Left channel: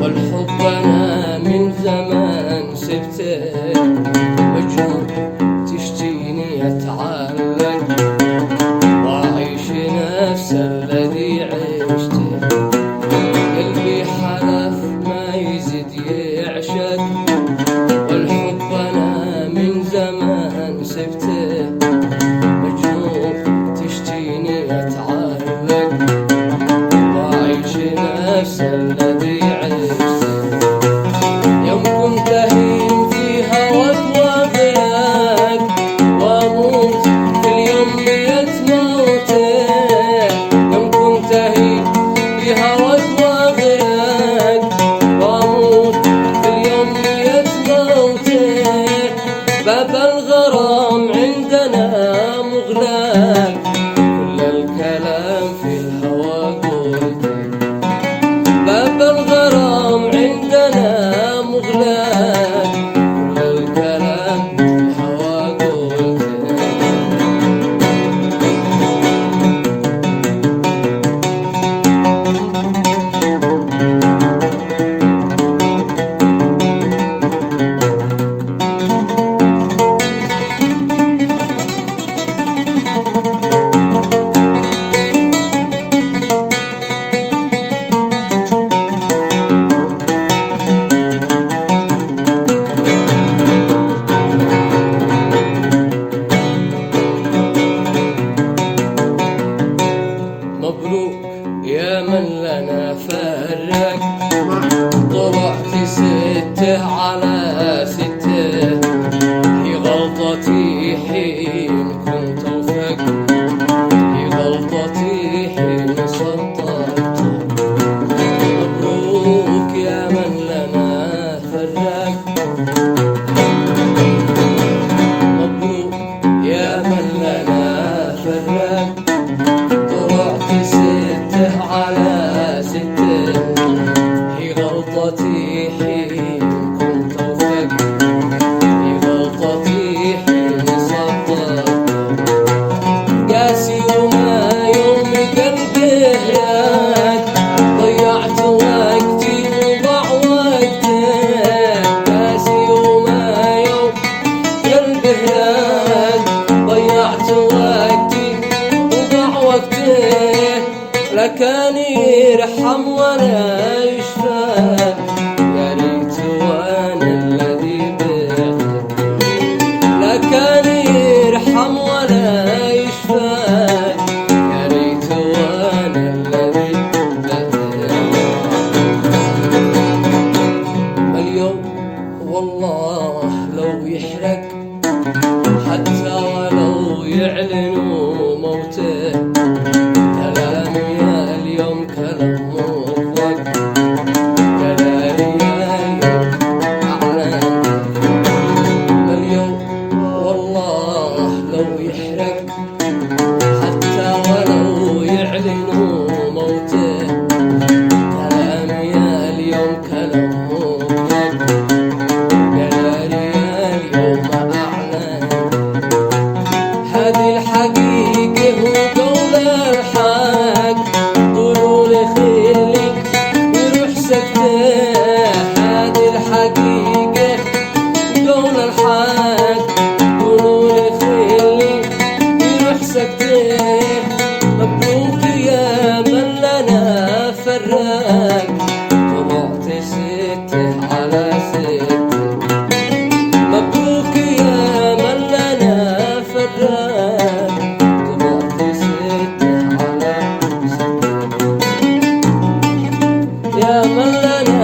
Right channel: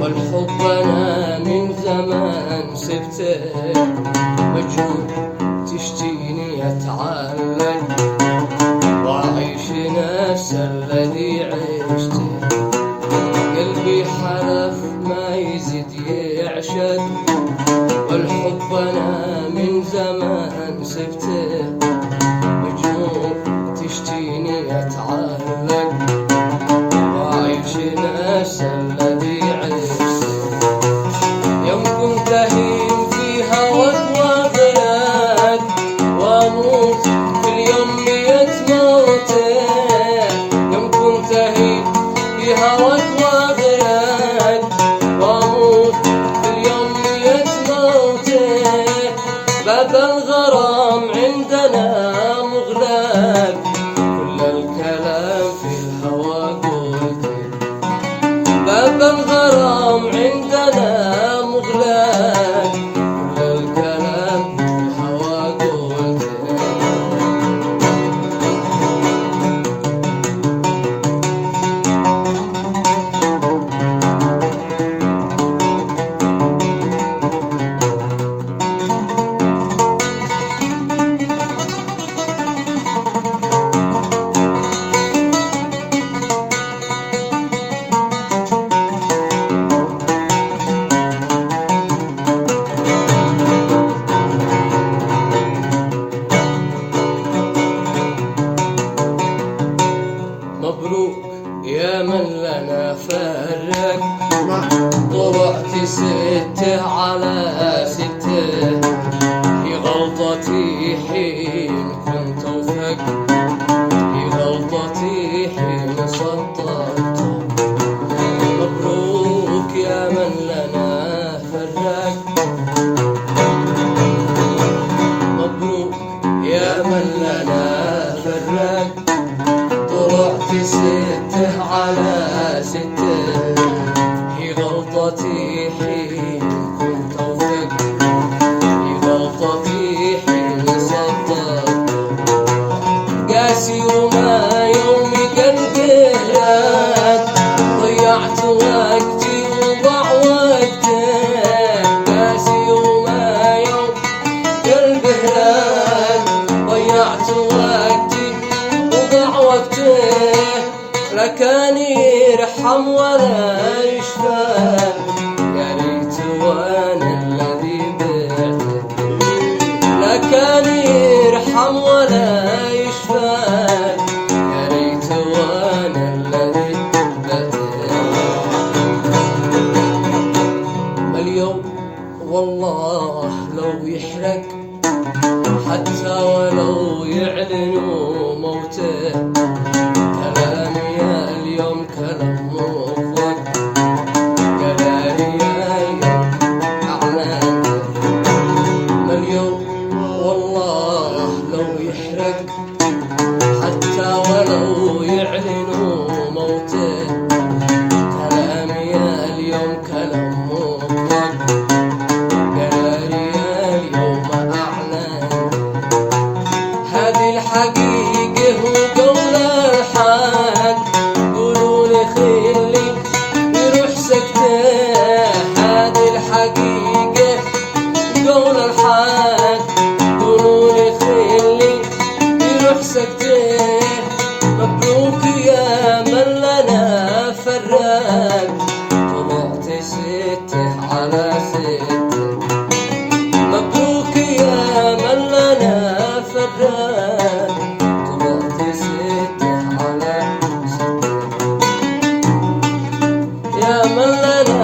والحب أنا من زمان سبته، مجنون تشتيني أتعلق وأعيش نفس الذي عشته. قلبي حلف ما يزيد يعشق، والحب أنا من زمان سبته، مجنون تشتيني أتعلق وأعيش نفس الذي عشته. يوم كنت أهين في هواك وأغرق وأموت في اليوم ميت موته. يوم كنت أهين في هواك وأغرق وأموت في اليوم ميت موته. باب الغرام عندنا مغلق، كل الكلام في الهوى قلته. باب الغرام عندنا مغلق، كل الكلام في الهوى قلته. مبروك يا من لنا فرق، طلعت ستة على ستة. هي غلطتي حين كنت أوثق، هي غلطتي حين صدقت. مبروك يا من لنا فرق، مبروك يا من لنا فرق. طلعت ستة على ستة، هي غلطتي حين كنت أوثق، هي غلطتي حين صدقت. قاسي وما يوم قلبي هلاك، ضيعت وقتي وضاع وقتك. قاسي وما يوم قلبي هلاك، ضيعت وقتي وضاع وقتك. لا كان يرحم ولا يشفى، يا ريت وانا الذي بعتك. لا كان يرحم ولا يشفى، يا ريت وانا الذي بعتك. اليوم والله لو يحرق، حتى ولو يعلنوا موته. كلامي يا اليوم كلام مطلق، كلامي يا اليوم أعلنت. اليوم والله لو يحرق، حتى ولو يعلنوا موته. كلامي يا اليوم كلام مطلق، كلامي يا اليوم أعلنت. هذه الحقيقة وقول الحق، قولوا خلي يروح سكته. هذه الحقيقة وقول الحق، قولوا خلي يروح سكته. مبروك يا من لنا فرق، طلعت ستة على ستة. مبروك يا من لنا فرق، طلعت ستة على ستة. يا من لنا